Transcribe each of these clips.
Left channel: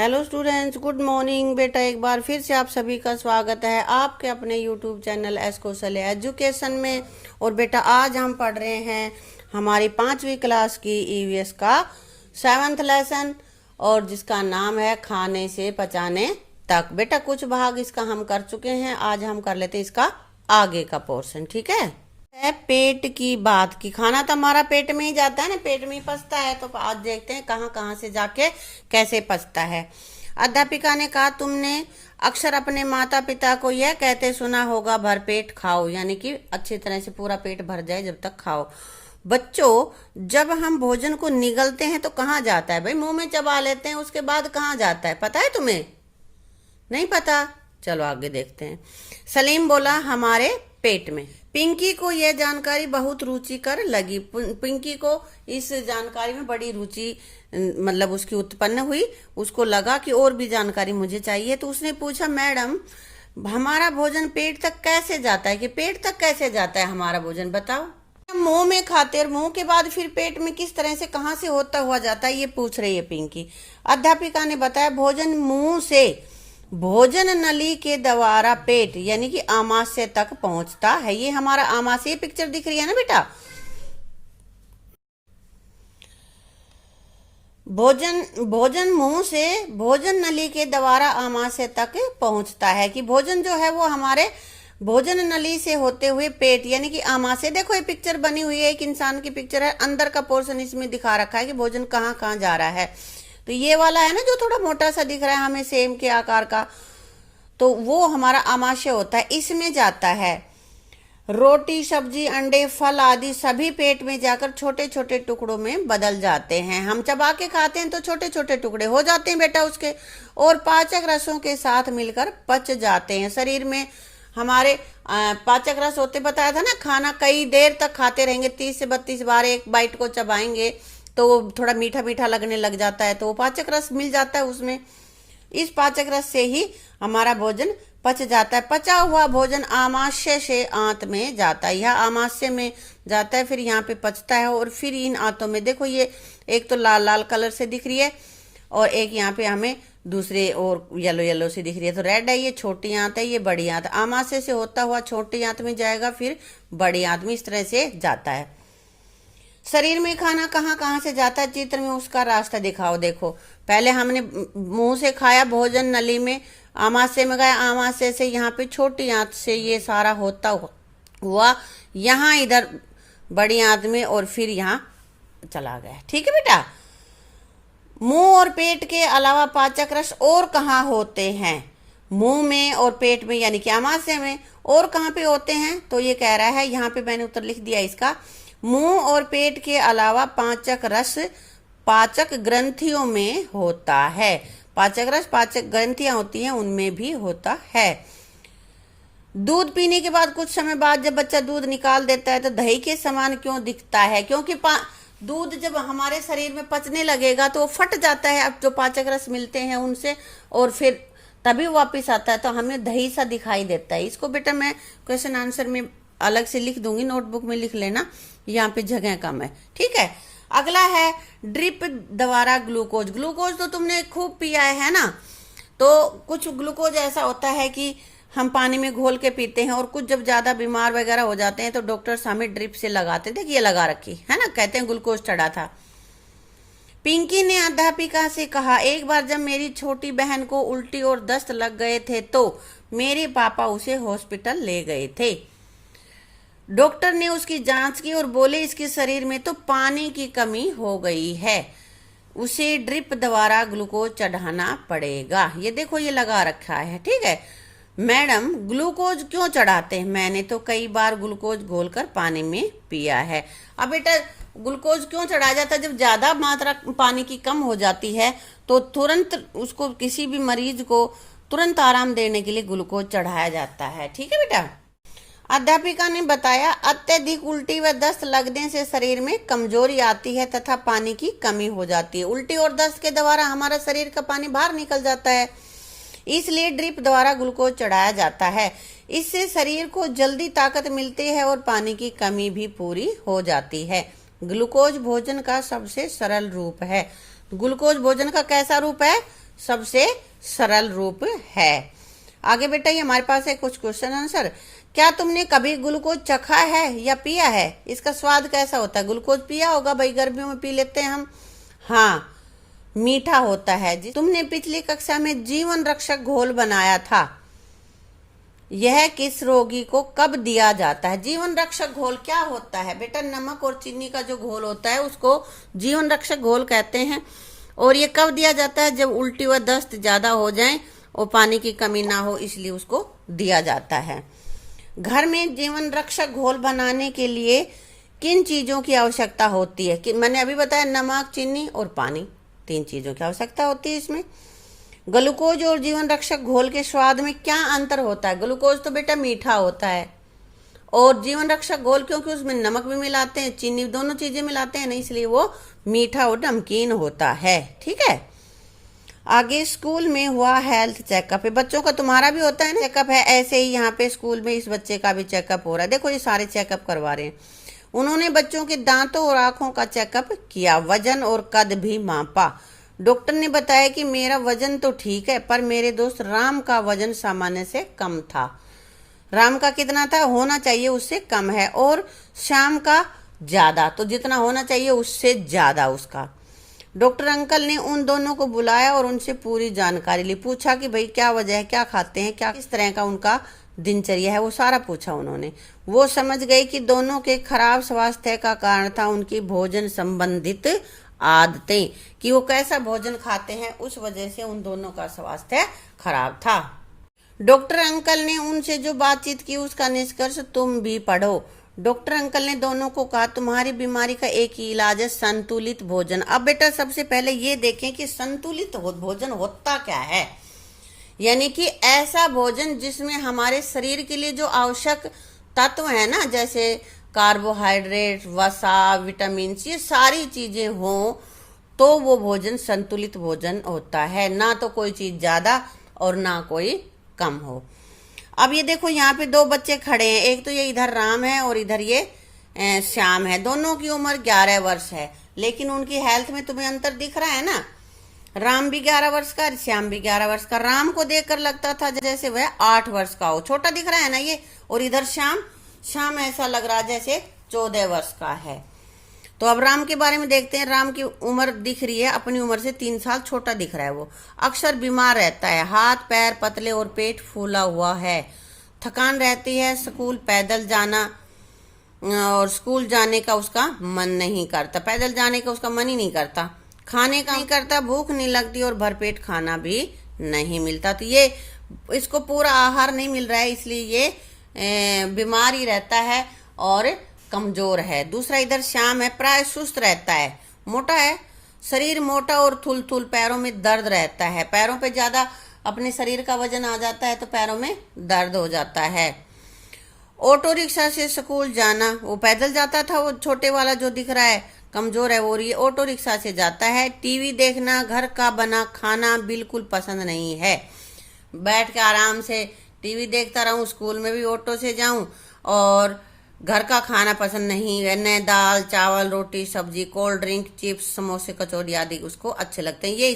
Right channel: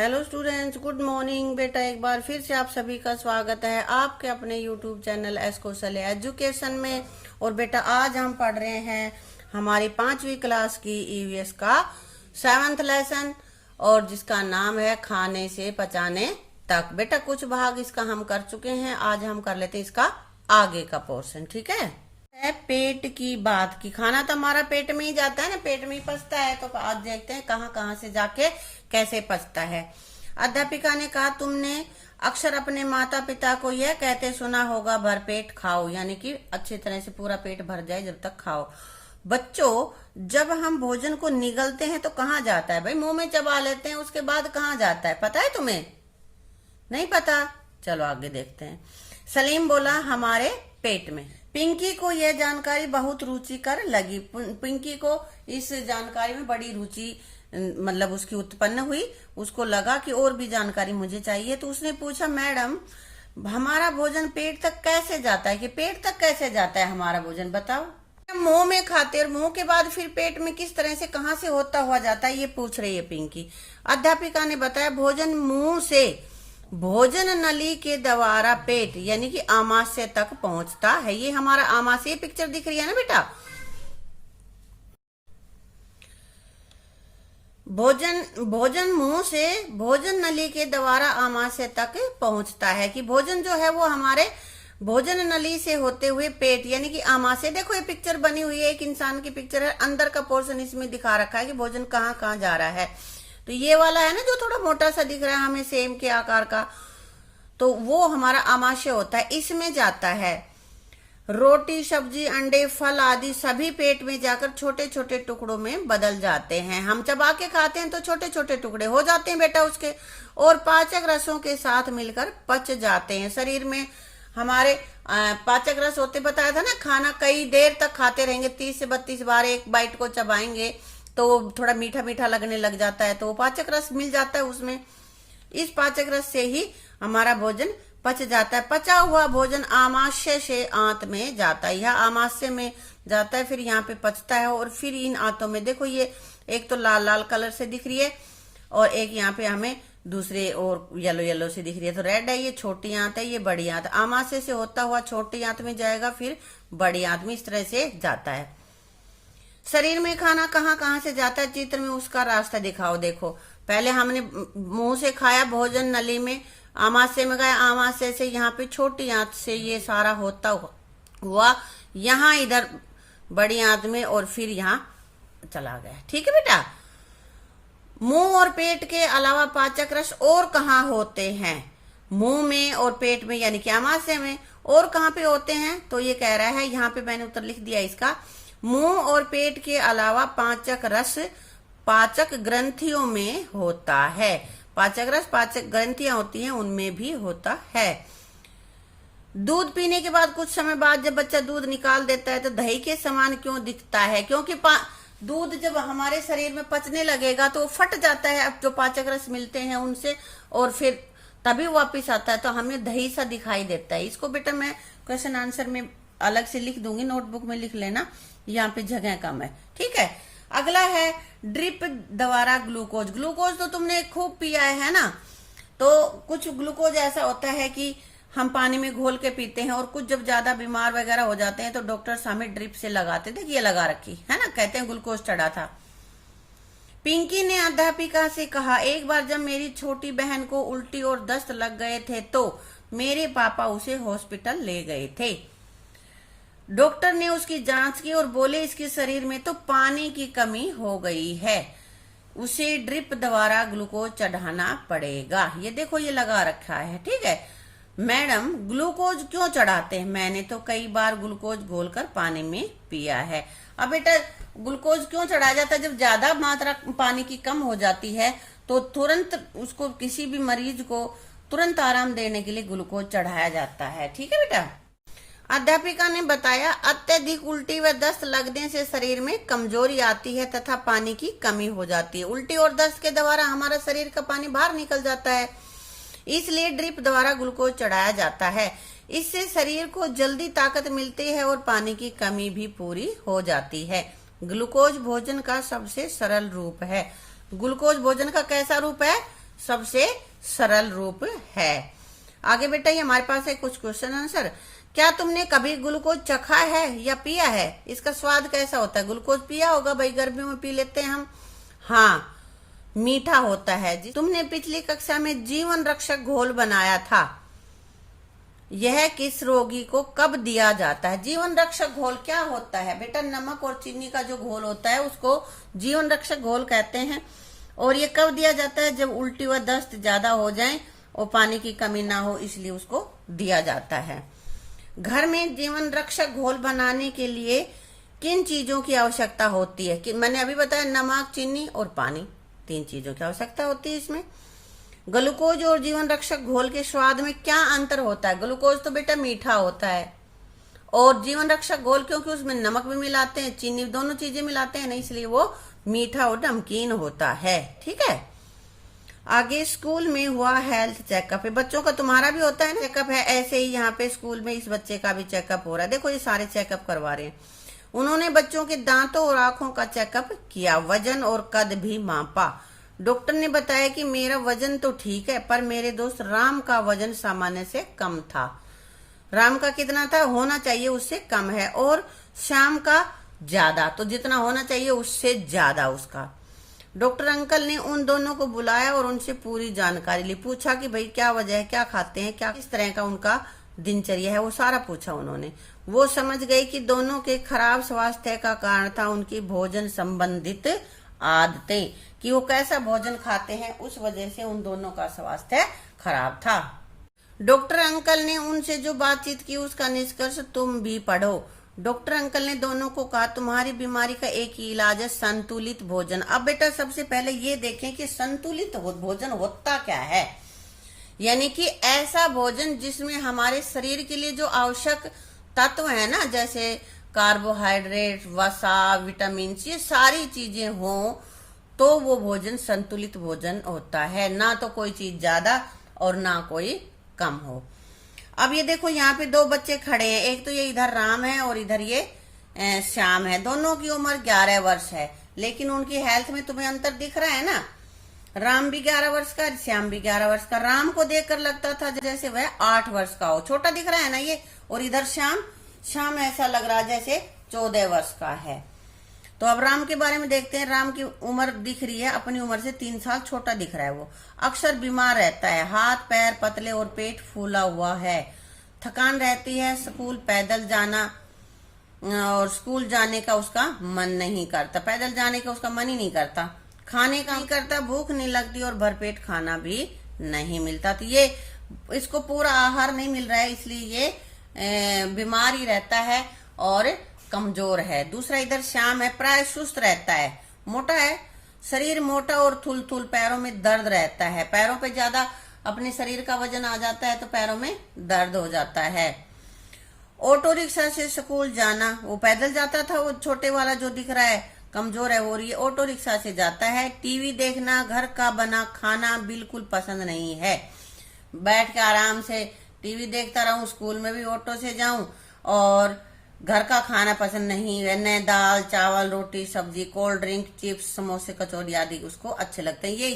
Hello students, good morning. बेटा एक बार फिर से आप सभी का स्वागत है आपके अपने YouTube channel S Kaushalya education में। और बेटा आज हम पढ़ रहे हैं हमारी 5वीं क्लास की ईवीएस का 7th लेसन, और जिसका नाम है खाने से पचाने तक। बेटा कुछ भाग इसका हम कर चुके हैं, आज हम कर लेते हैं इसका आगे का पोर्शन। ठीक है पेट की बात की। खाना तो हमारा पेट में ही जाता है ना, पेट में ही पचता है। तो आज देखते हैं कहाँ कहाँ से जाके कैसे पचता है। अध्यापिका ने कहा, तुमने अक्सर अपने माता पिता को यह कहते सुना होगा, भरपेट खाओ, यानी कि अच्छी तरह से पूरा पेट भर जाए जब तक खाओ। बच्चों, जब हम भोजन को निगलते हैं तो कहाँ जाता है? भाई मुंह में चबा लेते हैं, उसके बाद कहाँ जाता है पता है तुम्हें? नहीं पता? चलो आगे देखते हैं। सलीम बोला, हमारे पेट में। पिंकी को यह जानकारी बहुत रुचिकर लगी। पिंकी को इस जानकारी में बड़ी रुचि मतलब उसकी उत्पन्न हुई। उसको लगा कि और भी जानकारी मुझे चाहिए, तो उसने पूछा, मैडम हमारा भोजन पेट तक कैसे जाता है? कि पेट तक कैसे जाता है हमारा भोजन, बताओ। मुंह में खाते और मुंह के बाद फिर पेट में किस तरह से कहाँ से होता हुआ जाता है, ये पूछ रही है पिंकी। अध्यापिका ने बताया, भोजन मुंह से भोजन नली के द्वारा पेट यानी कि आमाशय तक पहुंचता है। ये हमारा आमाशय पिक्चर दिख रही है ना बेटा। भोजन मुंह से भोजन नली के द्वारा आमाशय तक पहुंचता है। कि भोजन जो है वो हमारे भोजन नली से होते हुए पेट यानी कि आमाशय। देखो ये पिक्चर बनी हुई है, एक इंसान की पिक्चर है, अंदर का पोर्शन इसमें दिखा रखा है कि भोजन कहाँ कहाँ जा रहा है। तो ये वाला है ना जो थोड़ा मोटा सा दिख रहा है हमें, सेम के आकार का, तो वो हमारा आमाशय होता है, इसमें जाता है। रोटी, सब्जी, अंडे, फल आदि सभी पेट में जाकर छोटे छोटे टुकड़ों में बदल जाते हैं। हम चबा के खाते हैं तो छोटे छोटे टुकड़े हो जाते हैं बेटा उसके, और पाचक रसों के साथ मिलकर पच जाते हैं। शरीर में हमारे पाचक रस होते, बताया था ना, खाना कई देर तक खाते रहेंगे, 30 से 32 बार एक बाइट को चबाएंगे तो थोड़ा मीठा मीठा लगने लग जाता है, तो वो पाचक रस मिल जाता है उसमें। इस पाचक रस से ही हमारा भोजन पच जाता है। पचा हुआ भोजन आमाशय से आंत में जाता है, यह आमाशय में जाता है, फिर यहाँ पे पचता है, और फिर इन आंतों में देखो ये एक तो लाल लाल कलर से दिख रही है, और एक यहाँ पे हमें दूसरे और येलो येलो से दिख रही है। तो रेड है, ये छोटी आंत है, ये बड़ी आंत। आमाशय से होता हुआ छोटी आंत में जाएगा, फिर बड़ी आंत में, इस तरह से जाता है। शरीर में खाना कहाँ कहाँ से जाता है, चित्र में उसका रास्ता दिखाओ। देखो पहले हमने मुंह से खाया, भोजन नली में, आमाशय में गया, आमाशय से यहाँ पे छोटी आंत से ये सारा होता हुआ यहाँ इधर बड़ी आंत में, और फिर यहाँ चला गया। ठीक है बेटा। मुंह और पेट के अलावा पाचक रस और कहाँ होते हैं? मुंह में और पेट में यानी कि आमाशय में। और कहाँ पे होते हैं? तो ये कह रहा है, यहाँ पे मैंने उत्तर लिख दिया इसका, मुंह और पेट के अलावा पाचक रस पाचक ग्रंथियों में होता है। पाचक रस पाचक ग्रंथियां होती हैं, उनमें भी होता है। दूध पीने के बाद कुछ समय बाद जब बच्चा दूध निकाल देता है तो दही के समान क्यों दिखता है? क्योंकि दूध जब हमारे शरीर में पचने लगेगा तो वो फट जाता है, अब जो पाचक रस मिलते हैं उनसे, और फिर तभी वापिस आता है, तो हमें दही सा दिखाई देता है। इसको बेटा मैं क्वेश्चन आंसर में अलग से लिख दूंगी, नोटबुक में लिख लेना, यहाँ पे जगह कम है। ठीक है। अगला है ड्रिप द्वारा ग्लूकोज। ग्लूकोज तो तुमने खूब पिया है ना। तो कुछ ग्लूकोज ऐसा होता है कि हम पानी में घोल के पीते हैं, और कुछ जब ज्यादा बीमार वगैरह हो जाते हैं तो डॉक्टर्स हमें ड्रिप से लगाते थे, ये लगा रखी है ना, कहते हैं ग्लूकोज चढ़ा था। पिंकी ने अध्यापिका से कहा, एक बार जब मेरी छोटी बहन को उल्टी और दस्त लग गए थे तो मेरे पापा उसे हॉस्पिटल ले गए थे। डॉक्टर ने उसकी जांच की और बोले, इसके शरीर में तो पानी की कमी हो गई है, उसे ड्रिप द्वारा ग्लूकोज चढ़ाना पड़ेगा। ये देखो ये लगा रखा है। ठीक है। मैडम ग्लूकोज क्यों चढ़ाते हैं? मैंने तो कई बार ग्लूकोज घोलकर पानी में पिया है। अब बेटा ग्लूकोज क्यों चढ़ाया जाता है? जब ज्यादा मात्रा पानी की कम हो जाती है तो तुरंत उसको, किसी भी मरीज को तुरंत आराम देने के लिए ग्लूकोज चढ़ाया जाता है। ठीक है बेटा। अध्यापिका ने बताया, अत्यधिक उल्टी व दस्त लगने से शरीर में कमजोरी आती है तथा पानी की कमी हो जाती है। उल्टी और दस्त के द्वारा हमारा शरीर का पानी बाहर निकल जाता है, इसलिए ड्रिप द्वारा ग्लूकोज चढ़ाया जाता है। इससे शरीर को जल्दी ताकत मिलती है और पानी की कमी भी पूरी हो जाती है। ग्लूकोज भोजन का सबसे सरल रूप है। ग्लूकोज भोजन का कैसा रूप है? सबसे सरल रूप है। आगे बेटा ये हमारे पास है कुछ क्वेश्चन आंसर। क्या तुमने कभी ग्लूकोज चखा है या पिया है? इसका स्वाद कैसा होता है? ग्लूकोज पिया होगा भाई, गर्मियों में पी लेते हैं हम। हाँ, मीठा होता है। तुमने पिछली कक्षा में जीवन रक्षक घोल बनाया था, यह किस रोगी को कब दिया जाता है? जीवन रक्षक घोल क्या होता है बेटा? नमक और चीनी का जो घोल होता है उसको जीवन रक्षक घोल कहते हैं। और ये कब दिया जाता है? जब उल्टी व दस्त ज्यादा हो जाए और पानी की कमी ना हो, इसलिए उसको दिया जाता है। घर में जीवन रक्षक घोल बनाने के लिए किन चीजों की आवश्यकता होती है? कि मैंने अभी बताया, नमक, चीनी और पानी, 3 चीजों की आवश्यकता होती है इसमें। ग्लूकोज और जीवन रक्षक घोल के स्वाद में क्या अंतर होता है? ग्लूकोज तो बेटा मीठा होता है और जीवन रक्षक घोल क्योंकि उसमें नमक भी मिलाते हैं, चीनी, दोनों चीजें मिलाते हैं ना, इसलिए वो मीठा और नमकीन होता है। ठीक है। आगे स्कूल में हुआ हेल्थ चेकअप है। बच्चों का तुम्हारा भी होता है ना चेकअप है, ऐसे ही यहाँ पे स्कूल में इस बच्चे का भी चेकअप हो रहा है। देखो ये सारे चेकअप करवा रहे हैं। उन्होंने बच्चों के दांतों और आंखों का चेकअप किया, वजन और कद भी मापा। डॉक्टर ने बताया कि मेरा वजन तो ठीक है, पर मेरे दोस्त राम का वजन सामान्य से कम था। राम का कितना था? होना चाहिए उससे कम है। और श्याम का ज्यादा, तो जितना होना चाहिए उससे ज्यादा उसका। डॉक्टर अंकल ने उन दोनों को बुलाया और उनसे पूरी जानकारी ली। पूछा कि भाई क्या वजह है, क्या खाते हैं, क्या किस तरह का उनका दिनचर्या है, वो सारा पूछा उन्होंने। वो समझ गए कि दोनों के खराब स्वास्थ्य का कारण था उनकी भोजन संबंधित आदतें, कि वो कैसा भोजन खाते हैं, उस वजह से उन दोनों का स्वास्थ्य खराब था। डॉक्टर अंकल ने उनसे जो बातचीत की उसका निष्कर्ष तुम भी पढ़ो। डॉक्टर अंकल ने दोनों को कहा, तुम्हारी बीमारी का एक ही इलाज है, संतुलित भोजन। अब बेटा सबसे पहले ये देखें कि संतुलित भोजन होता क्या है। यानी कि ऐसा भोजन जिसमें हमारे शरीर के लिए जो आवश्यक तत्व है ना, जैसे कार्बोहाइड्रेट, वसा, विटामिन, ये सारी चीजें हो, तो वो भोजन संतुलित भोजन होता है। ना तो कोई चीज ज्यादा और ना कोई कम हो। अब ये देखो यहाँ पे 2 बच्चे खड़े हैं, एक तो ये इधर राम है और इधर ये श्याम है। दोनों की उम्र 11 वर्ष है, लेकिन उनकी हेल्थ में तुम्हें अंतर दिख रहा है ना। राम भी 11 वर्ष का, श्याम भी 11 वर्ष का। राम को देखकर लगता था जैसे वह 8 वर्ष का हो, छोटा दिख रहा है ना ये। और इधर श्याम ऐसा लग रहा है जैसे 14 वर्ष का है। तो अब राम के बारे में देखते हैं। राम की उम्र दिख रही है अपनी उम्र से 3 साल छोटा दिख रहा है। वो अक्सर बीमार रहता है, हाथ पैर पतले और पेट फूला हुआ है, थकान रहती है, स्कूल पैदल जाना और स्कूल जाने का उसका मन नहीं करता, पैदल जाने का उसका मन ही नहीं करता, खाने का नहीं करता, भूख नहीं लगती और भरपेट खाना भी नहीं मिलता। तो ये इसको पूरा आहार नहीं मिल रहा है, इसलिए ये बीमार ही रहता है और कमजोर है। दूसरा इधर श्याम है, प्राय सुस्त रहता है, मोटा है, शरीर मोटा और थुल पैरों में दर्द रहता है। पैरों पे ज्यादा अपने शरीर का वजन आ जाता है तो पैरों में दर्द हो जाता है। ऑटो रिक्शा से स्कूल जाना, वो पैदल जाता था, वो छोटे वाला जो दिख रहा है कमजोर है, वो ये ऑटो रिक्शा से जाता है। टीवी देखना, घर का बना खाना बिल्कुल पसंद नहीं है। बैठ के आराम से टीवी देखता रहूं, स्कूल में भी ऑटो से जाऊं, और घर का खाना पसंद नहीं है। नए दाल चावल रोटी सब्जी कोल्ड ड्रिंक चिप्स समोसे कचौड़ी आदि उसको अच्छे लगते हैं। ये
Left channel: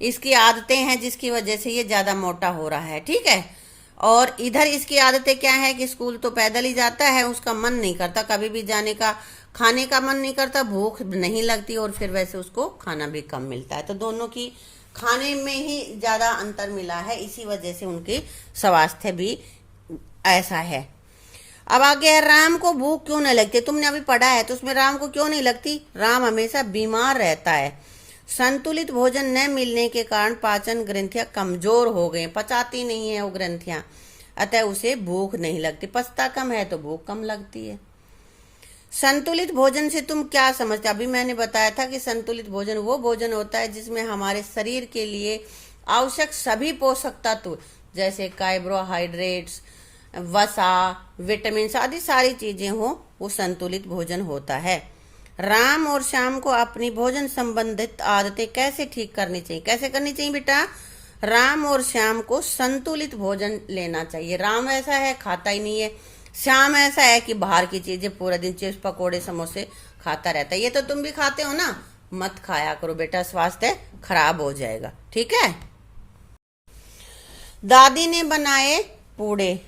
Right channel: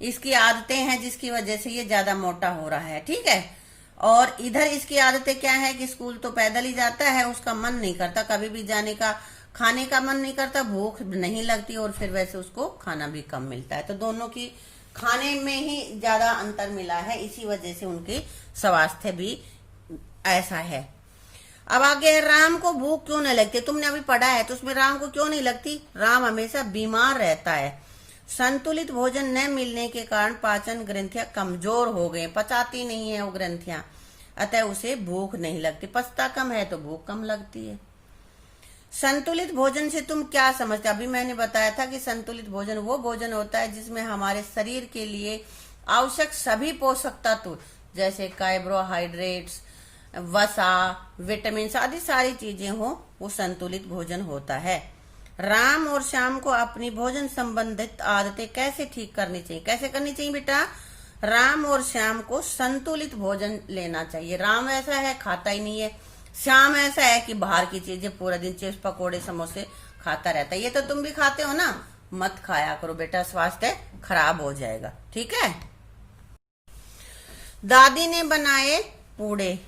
इसकी आदतें हैं जिसकी वजह से ये ज्यादा मोटा हो रहा है। ठीक है। और इधर इसकी आदतें क्या है कि स्कूल तो पैदल ही जाता है, उसका मन नहीं करता कभी भी जाने का, खाने का मन नहीं करता, भूख नहीं लगती और फिर वैसे उसको खाना भी कम मिलता है। तो दोनों की खाने में ही ज्यादा अंतर मिला है, इसी वजह से उनकी स्वास्थ्य भी ऐसा है। अब आगे है, राम को भूख क्यों नहीं लगती? तुमने अभी पढ़ा है तो उसमें राम को क्यों नहीं लगती? राम हमेशा बीमार रहता है। संतुलित भोजन न मिलने के कारण पाचन ग्रंथियां कमजोर हो गए, पचाती नहीं है वो ग्रंथियां, अतः उसे भूख नहीं लगती। पचता कम है तो भूख कम लगती है। संतुलित भोजन से तुम क्या समझते? अभी मैंने बताया था कि संतुलित भोजन वो भोजन होता है जिसमें हमारे शरीर के लिए आवश्यक सभी पोषक तत्व जैसे कार्बोहाइड्रेट्स, वसा, विटामिन आदि सारी चीजें हो, वो संतुलित भोजन होता है। राम और श्याम को अपनी भोजन संबंधित आदतें कैसे ठीक करनी चाहिए? कैसे करनी चाहिए बेटा? राम और श्याम को संतुलित भोजन लेना चाहिए। राम ऐसा है खाता ही नहीं है, श्याम ऐसा है कि बाहर की चीजें पूरा दिन चिप्स पकोड़े समोसे खाता रहता है। ये तो तुम भी खाते हो ना, मत खाया करो बेटा, स्वास्थ्य खराब हो जाएगा। ठीक है। दादी ने बनाए पूड़े।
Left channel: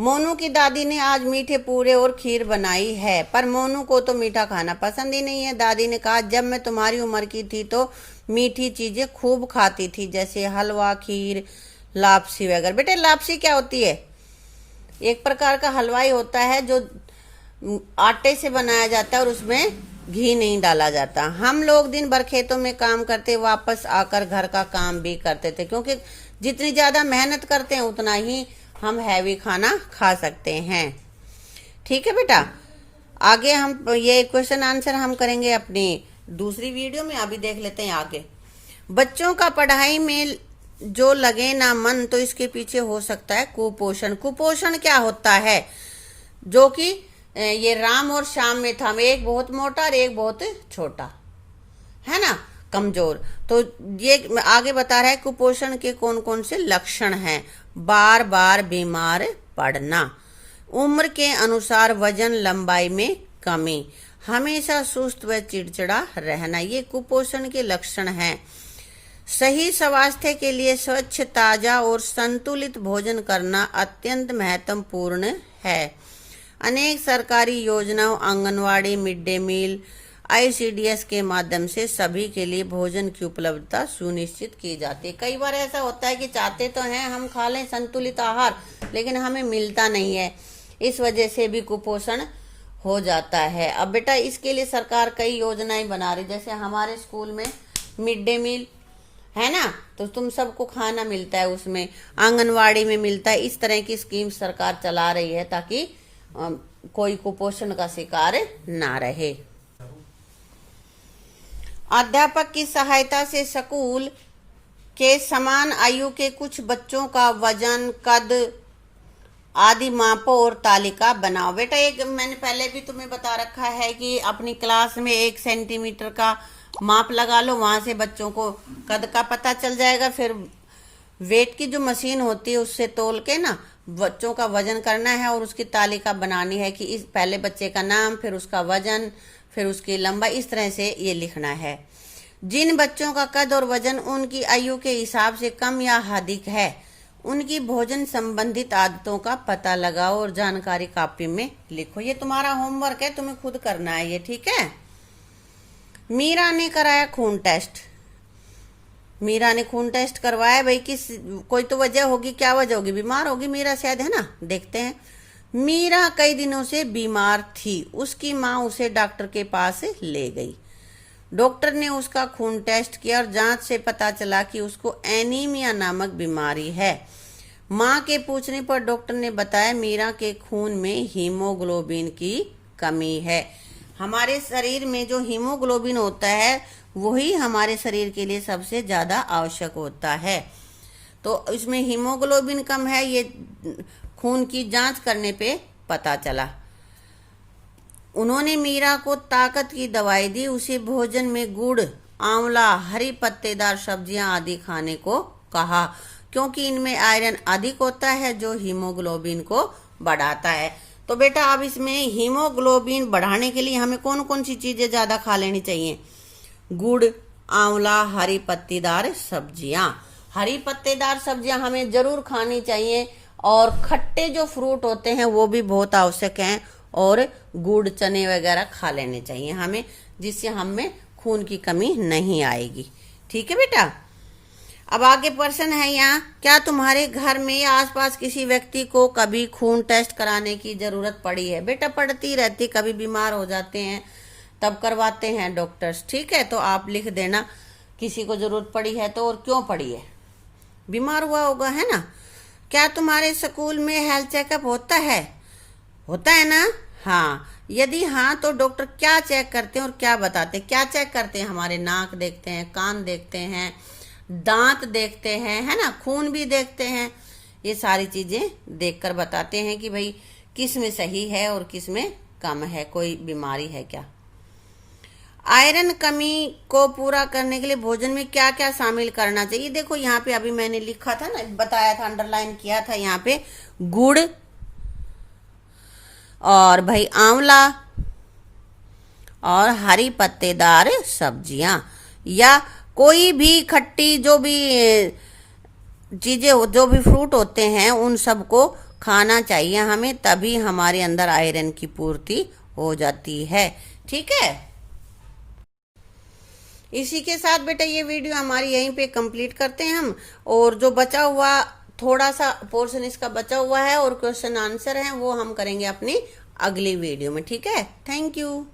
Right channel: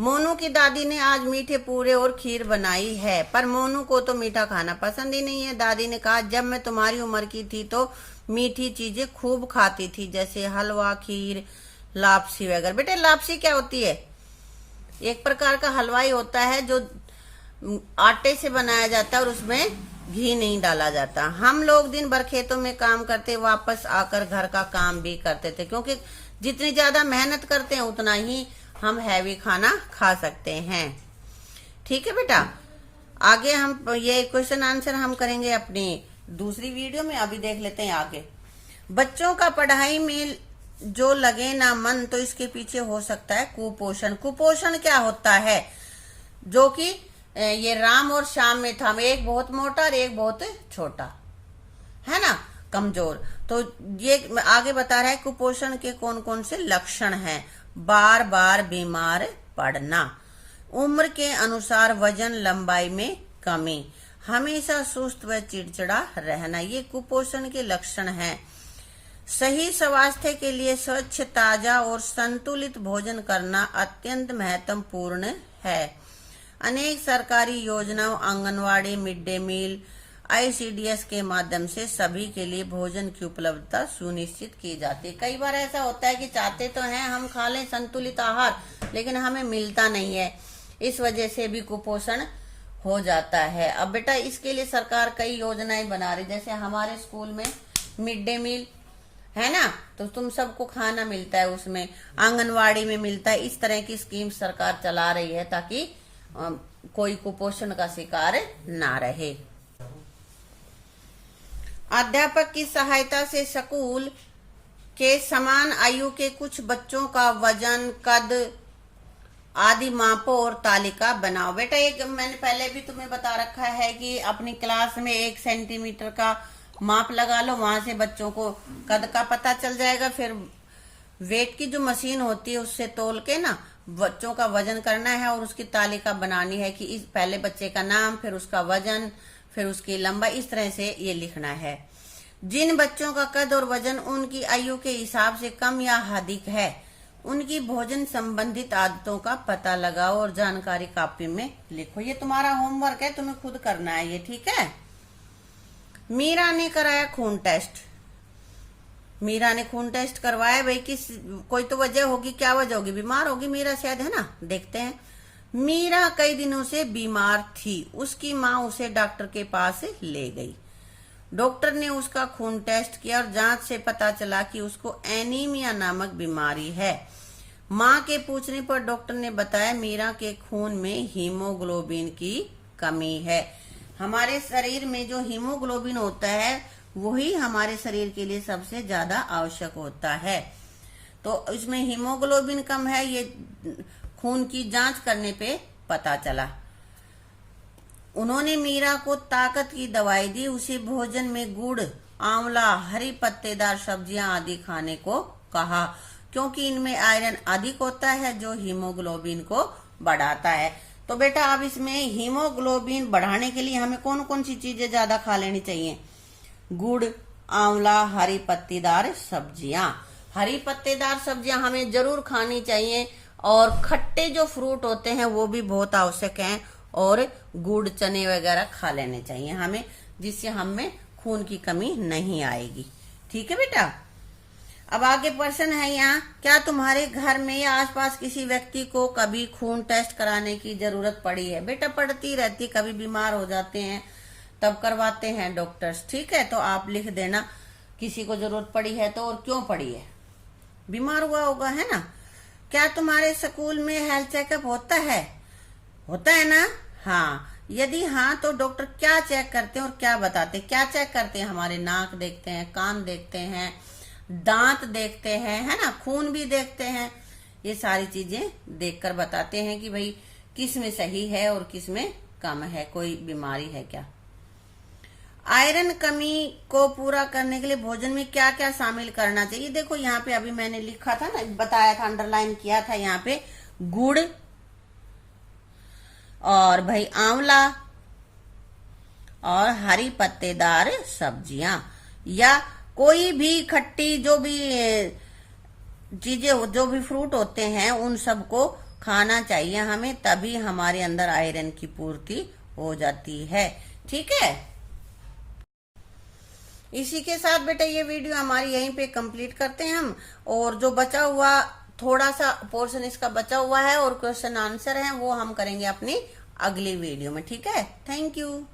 मोनू की दादी ने आज मीठे पूड़े और खीर बनाई है, पर मोनू को तो मीठा खाना पसंद ही नहीं है। दादी ने कहा, जब मैं तुम्हारी उम्र की थी तो मीठी चीजें खूब खाती थी, जैसे हलवा, खीर, लापसी वगैरह। बेटे लापसी क्या होती है? एक प्रकार का हलवाई होता है जो आटे से बनाया जाता है और उसमें घी नहीं डाला जाता। हम लोग दिन भर खेतों में काम करते, वापस आकर घर का काम भी करते थे, क्योंकि जितनी ज्यादा मेहनत करते हैं उतना ही हम हैवी खाना खा सकते हैं। ठीक है बेटा, आगे हम ये क्वेश्चन आंसर हम करेंगे अपनी दूसरी वीडियो में। अभी देख लेते हैं आगे। बच्चों का पढ़ाई में जो लगे ना मन, तो इसके पीछे हो सकता है कुपोषण। कुपोषण क्या होता है? जो कि ये राम और श्याम में था, एक बहुत मोटा और एक बहुत छोटा, है ना, कमजोर। तो ये आगे बता रहा है कुपोषण के कौन कौन से लक्षण हैं। बार बार बीमार पड़ना, उम्र के अनुसार वजन लंबाई में कमी, हमेशा सुस्त व चिड़चिड़ा रहना, ये कुपोषण के लक्षण हैं। सही स्वास्थ्य के लिए स्वच्छ, ताजा और संतुलित भोजन करना अत्यंत महत्वपूर्ण है। अनेक सरकारी योजनाओं, anganwadi, mid day meal, ICDS के माध्यम से सभी के लिए भोजन की उपलब्धता सुनिश्चित की जाती है। कई बार ऐसा होता है कि चाहते तो हैं हम खा लें संतुलित आहार, लेकिन हमें मिलता नहीं है, इस वजह से भी कुपोषण हो जाता है। अब बेटा इसके लिए सरकार कई योजनाएं बना रही, जैसे हमारे स्कूल में मिड डे मील है ना, तो तुम सबको खाना मिलता है, उसमें आंगनवाड़ी में मिलता है। इस तरह की स्कीम सरकार चला रही है ताकि कोई कुपोषण का शिकार ना रहे। अध्यापक की सहायता से स्कूल के समान आयु के कुछ बच्चों का वजन, कद आदि मापो और तालिका बनाओ। बेटा एक मैंने पहले भी तुम्हें बता रखा है कि अपनी क्लास में 1 सेंटीमीटर का माप लगा लो, वहां से बच्चों को कद का पता चल जाएगा। फिर वेट की जो मशीन होती है उससे तोल के ना बच्चों का वजन करना है और उसकी तालिका बनानी है कि इस पहले बच्चे का नाम, फिर उसका वजन, फिर उसकी लंबाई, इस तरह से ये लिखना है। जिन बच्चों का कद और वजन उनकी आयु के हिसाब से कम या अधिक है, उनकी भोजन संबंधित आदतों का पता लगाओ और जानकारी कापी में लिखो। ये तुम्हारा होमवर्क है, तुम्हें खुद करना है ये। ठीक है। मीरा ने कराया खून टेस्ट। मीरा ने खून टेस्ट करवाया, भाई किस कोई तो वजह होगी, क्या वजह होगी? बीमार होगी मीरा शायद, है ना। देखते हैं। मीरा कई दिनों से बीमार थी, उसकी माँ उसे डॉक्टर के पास ले गई। डॉक्टर ने उसका खून टेस्ट किया और जांच से पता चला कि उसको एनीमिया नामक बीमारी है। माँ के पूछने पर डॉक्टर ने बताया मीरा के खून में हीमोग्लोबिन की कमी है। हमारे शरीर में जो हीमोग्लोबिन होता है वही हमारे शरीर के लिए सबसे ज्यादा आवश्यक होता है। तो इसमें हीमोग्लोबिन कम है, ये खून की जांच करने पे पता चला। उन्होंने मीरा को ताकत की दवाई दी, उसे भोजन में गुड़, आंवला, हरी पत्तेदार सब्जियां आदि खाने को कहा, क्योंकि इनमें आयरन अधिक होता है जो हीमोग्लोबिन को बढ़ाता है। तो बेटा अब इसमें हीमोग्लोबिन बढ़ाने के लिए हमें कौन कौन सी चीजें ज्यादा खा लेनी चाहिए? गुड़, आंवला, हरी पत्तेदार सब्जियां। हरी पत्तेदार सब्जियां हमें जरूर खानी चाहिए, और खट्टे जो फ्रूट होते हैं वो भी बहुत आवश्यक हैं, और गुड़, चने वगैरह खा लेने चाहिए हमें, जिससे हमें खून की कमी नहीं आएगी। ठीक है बेटा। अब आगे प्रश्न है यहाँ, क्या तुम्हारे घर में या आसपास किसी व्यक्ति को कभी खून टेस्ट कराने की जरूरत पड़ी है? बेटा पड़ती रहती, कभी बीमार हो जाते हैं तब करवाते हैं डॉक्टर्स। ठीक है, तो आप लिख देना किसी को जरूरत पड़ी है तो, और क्यों पड़ी है, बीमार हुआ होगा, है ना। क्या तुम्हारे स्कूल में हेल्थ चेकअप होता है? होता है ना। हाँ, यदि हाँ तो डॉक्टर क्या चेक करते हैं और क्या बताते हैं? क्या चेक करते हैं? हमारे नाक देखते हैं, कान देखते हैं, दांत देखते हैं, है ना, खून भी देखते हैं। ये सारी चीजें देखकर बताते हैं कि भाई किस में सही है और किस में कम है, कोई बीमारी है क्या। आयरन कमी को पूरा करने के लिए भोजन में क्या क्या शामिल करना चाहिए? देखो यहाँ पे अभी मैंने लिखा था ना, बताया था, अंडरलाइन किया था यहाँ पे, गुड़ और भाई आंवला और हरी पत्तेदार सब्जियां, या कोई भी खट्टी जो भी चीजें, जो भी फ्रूट होते हैं, उन सबको खाना चाहिए हमें, तभी हमारे अंदर आयरन की पूर्ति हो जाती है। ठीक है, इसी के साथ बेटा ये वीडियो हमारी यहीं पे कंप्लीट करते हैं हम। और जो बचा हुआ थोड़ा सा पोर्शन इसका बचा हुआ है और क्वेश्चन आंसर है, वो हम करेंगे अपनी अगली वीडियो में। ठीक है, थैंक यू।